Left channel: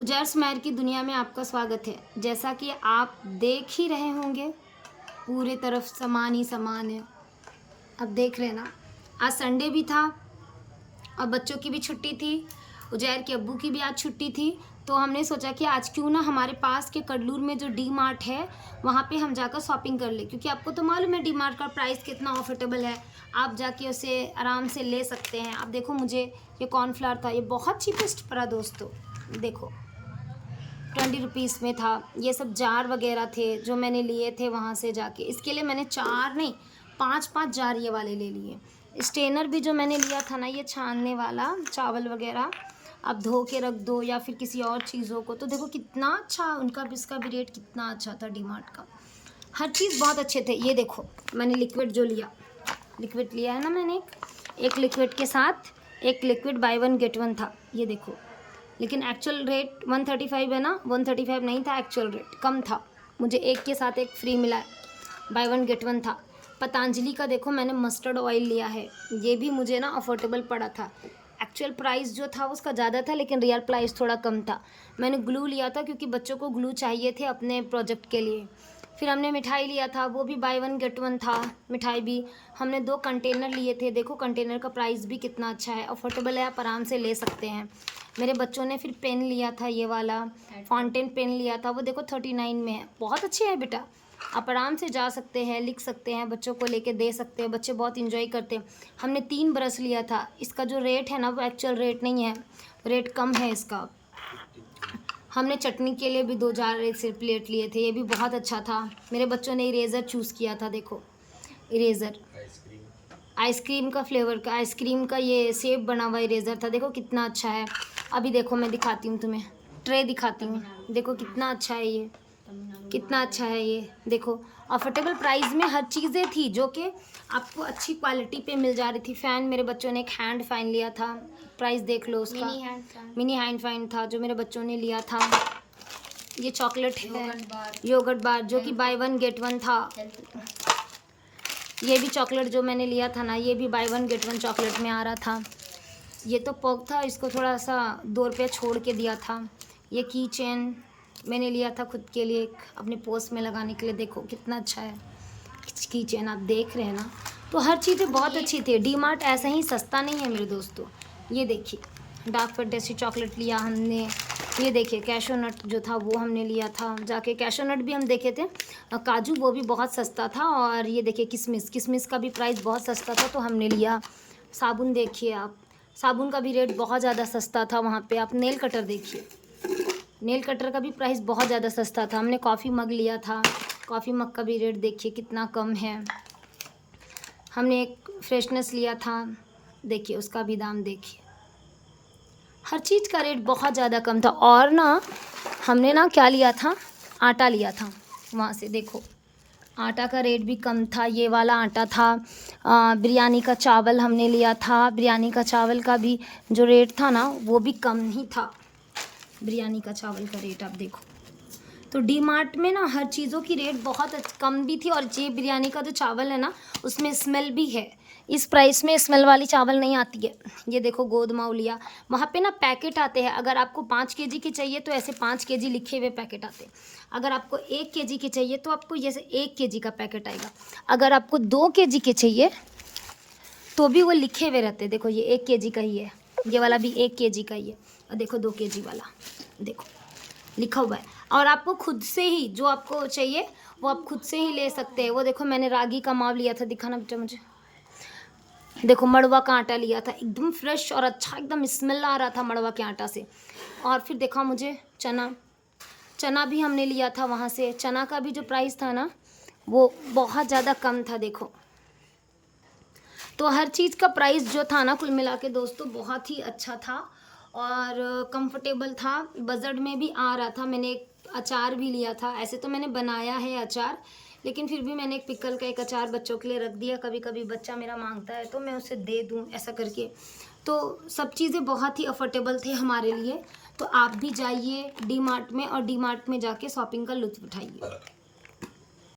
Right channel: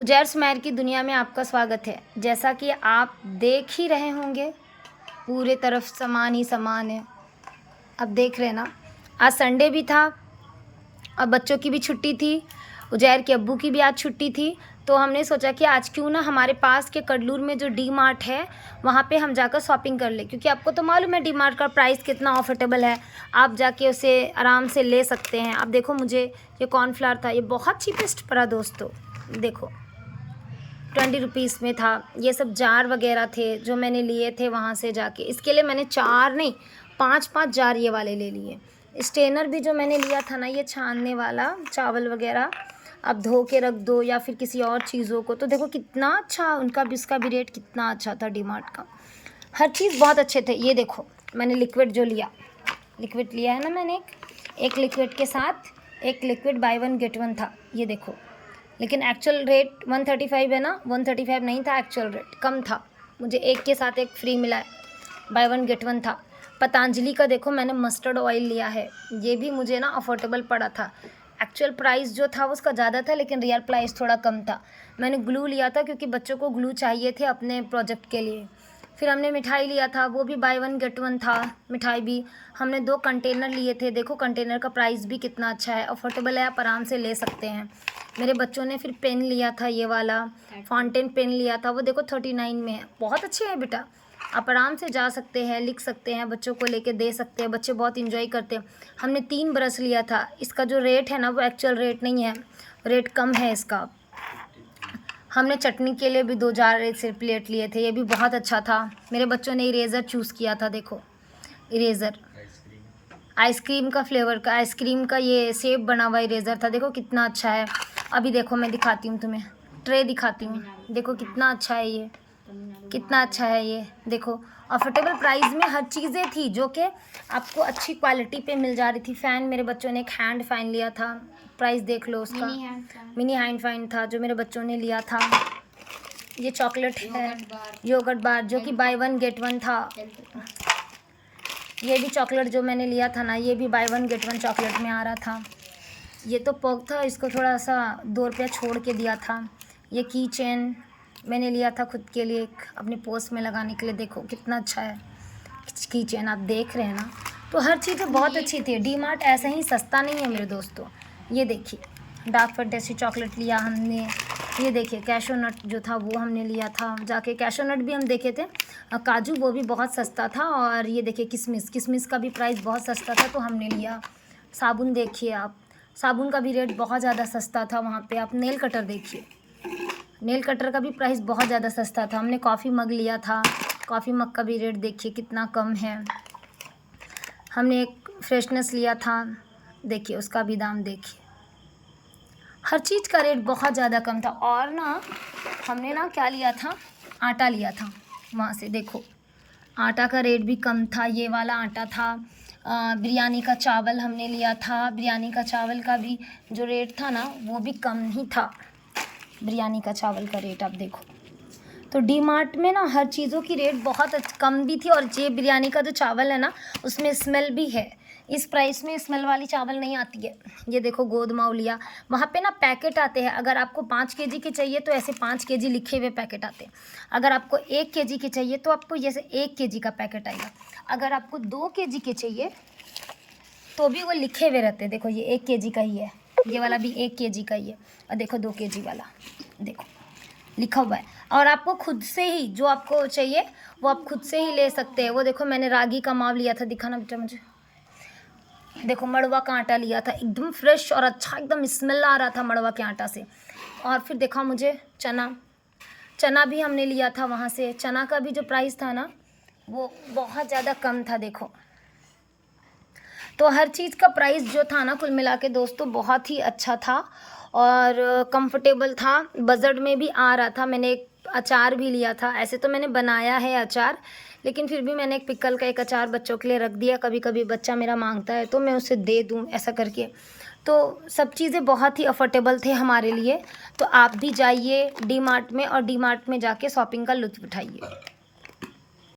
उजैर स्मैर की दुनिया में आपका स्वागत है। जैसा कि आप देख ही रहे होंगे, पूरे तरफ सामान ही सामान है। अब देख रहे हैं ना, आज संडे भी था और बच्चों की भी छुट्टी थी, उजैर के अब्बू की भी आज छुट्टी थी। तो हमने सोचा कि आज क्यों ना हमारे पास के कडलूर में जो डी मार्ट है वहाँ पे हम जाकर शॉपिंग कर लें, क्योंकि आपको तो मालूम है डी मार्ट का प्राइस कितना अफोर्डेबल है। आप जाके उसे आराम से ले सकते हैं। अब देखो, मुझे ये कॉर्नफ्लावर था, ये बहुत चीपेस्ट पड़ा दोस्तों। देखो 20 रुपीज़ में था। ये सब जार वगैरह थे जो मैंने लिए थे वहाँ से जाके। इसके लिए मैंने 4 नहीं 5-5 जार ये वाले ले लिए। स्ट्रेनर भी जो मैंने लिया था ना, ये छानने वाला चावल वगैरह अब धो के रख दो या फिर किसी और चीज़ों को, तो देखो कितना अच्छा उनका भी, इसका भी रेट कितना अच्छा था डी मार्ट का। हर चीज़ बहुत अच्छे थे। ये देखो मैंने लिक्विड जो लिया, लिक्विड लिया है ना मैंने, एक लिक्विड के साथ एक लिक्विड बाय 1 गेट 1 था। ये देखो, लेकिन एक्चुअल रेट 135 है ना, 135 नहीं था, एक्चुअल रेट कम था। मुझे एक के साथ एक फ्री मिला है, बाय 1 गेट 1 था। पतंजलि का देखो मैंने मस्टर्ड ऑयल लिया है, ये भी मुझे ना अफोर्डेबल पड़ा था। एक्चुअल प्राइस जो था उसका ज़्यादा था, लेकिन रियल प्राइस थोड़ा कम था। मैंने ग्लू लिया था क्योंकि बच्चों को ग्लू चाहिए थे अपने प्रोजेक्ट के लिए। फिर हमने मिठाई लिया था, वो भी बाय 1 गेट 1 था। मिठाई भी हमने 2 कंटेनर लिए थे। देखो कंटेनर का प्राइस भी कितना अच्छा है, अफोर्डेबल है, आप आराम से ले सकते हैं। मेरे बच्चों ने फिर पेन लिया था, ये वाला फाउंटेन पेन लिया था, वो देखो 39 में है। बहुत अच्छे हैं बेटा, आप आराम से जा सकते हैं, लिख सकते हैं, बच्चों को लेके दे सकते हैं, बच्चे बहुत इंजॉय करते हैं। हमने 3 ब्रश लिया था। इसका जो रेट है ना वो एक्चुअल रेट नहीं है, रेट कम है इसका। हमने चटनी के लिए भी 2 जार से प्लेट लिए थे, ये भी बहुत अच्छा था। मेरे बच्चों ने इरेज़र चूज़ किया था, देखो इरेज़र आइसक्रीम का फ्लेवर का, आइसक्रीम का ये सेब बना हुआ इरेज़र था, देखो कितना अच्छा है। अभी देखो मैं दिखाती हूँ तुम्हें, ट्रे दिखाती हूँ, देखो कितना अच्छा है ये, कितना अच्छा है ये। देखो अफोर्डेबल प्राइस में हर चीज़ें थी जो कि आपको अच्छी क्वालिटी पे मिल जा रही थी। फ़ैन, मेरे बच्चों ने एक हैंड फ़ैन लिया था, प्राइस देख लो उसका, मिनी हैंड फ़ैन था जो मेरे बच्चों ने लिया था। ये चॉकलेट है, योगर्ट बार, जो कि बाय 1 गेट 1 था। ये भी चॉकलेट जो मैंने लिया था ना, ये भी बाय 1 गेट 1 चॉकलेट में आ रहा था। ये तो पॉक था, इसको थोड़ा सा 2 रुपया छोड़ के दिया था। ये की चेन मैंने लिया था खुद के लिए, एक अपने पोस्ट में लगाने के लिए। देखो कितना अच्छा है की चेन, आप देख रहे हैं ना। तो हर चीज़ें बहुत अच्छी थी। डी मार्ट ऐसे ही सस्ता नहीं है मेरे दोस्तों। ये देखिए डार्क फैंटेसी चॉकलेट लिया हमने। ये देखिए कैशो नट जो था वो हमने लिया था जाके, कैशो नट भी हम देखे थे। काजू वो भी बहुत सस्ता था। और ये देखिए किशमिश, किशमिश का भी प्राइस बहुत सस्ता था तो हमने लिया। साबुन देखिए आप, साबुन का भी रेट बहुत ज़्यादा सस्ता था वहाँ पे। आप नेल कटर देखिए, नेल कटर का भी प्राइस बहुत ज़्यादा सस्ता था। हमने कॉफ़ी मग लिया था, कॉफ़ी मग का भी रेट देखिए कितना कम है। हमने एक फ्रेशनेस लिया था, देखिए उसका भी दाम देखिए। हर चीज़ का रेट बहुत ज़्यादा कम था। और ना हमने ना क्या लिया था, आटा लिया था वहाँ से, देखो आटा का रेट भी कम था। ये वाला आटा था। बिरयानी का चावल हमने लिया था, बिरयानी का चावल का भी जो रेट था ना वो भी कम ही था। बिरयानी का चावल का रेट आप देखो, तो डी मार्ट में ना हर चीज़ों की रेट बहुत कम भी थी। और ये बिरयानी का जो चावल है ना उसमें स्मेल भी है, इस प्राइस में स्मेल वाली चावल नहीं आती है। ये देखो गोद माव लिया, वहाँ पे ना पैकेट आते हैं। अगर आपको 5 केजी के चाहिए तो ऐसे 5 केजी लिखे हुए पैकेट आते हैं। अगर आपको 1 केजी के चाहिए तो आपको जैसे 1 केजी का पैकेट आएगा। अगर आपको 2 केजी के चाहिए तो भी वो लिखे हुए रहते हैं। देखो ये 1 केजी का ही है, ये वाला भी 1 केजी का ही है। और देखो 2 केजी वाला देखो लिखा हुआ है। और आपको खुद से ही जो आपको चाहिए वो आप खुद से ही ले सकते हैं। वो देखो मैंने रागी का माव लिया था, दिखाना बेटा मुझे। देखो मड़वा का आटा लिया था, एकदम फ्रेश और अच्छा, एकदम स्मेल आ रहा था मड़वा के आटा से। और फिर देखा मुझे चना, चना भी हमने लिया था वहाँ से। चना का भी जो प्राइस था ना वो बहुत ज़्यादा कम था। देखो तो हर चीज़ का प्राइस जो था ना कुल मिला के दोस्तों बहुत ही अच्छा था और कंफर्टेबल था, बजट में भी आ रहा था। मैंने एक अचार भी लिया था, ऐसे तो मैंने बनाया है अचार, लेकिन फिर भी मैंने एक पिकल का एक अचार बच्चों के लिए रख दिया। कभी कभी बच्चा मेरा मांगता है तो मैं उसे दे दूं ऐसा करके। तो सब चीज़ें बहुत ही अफोर्डेबल थे हमारे लिए। तो आप भी जाइए डी मार्ट में और डी मार्ट में जाके शॉपिंग का लुत्फ़ उठाइए।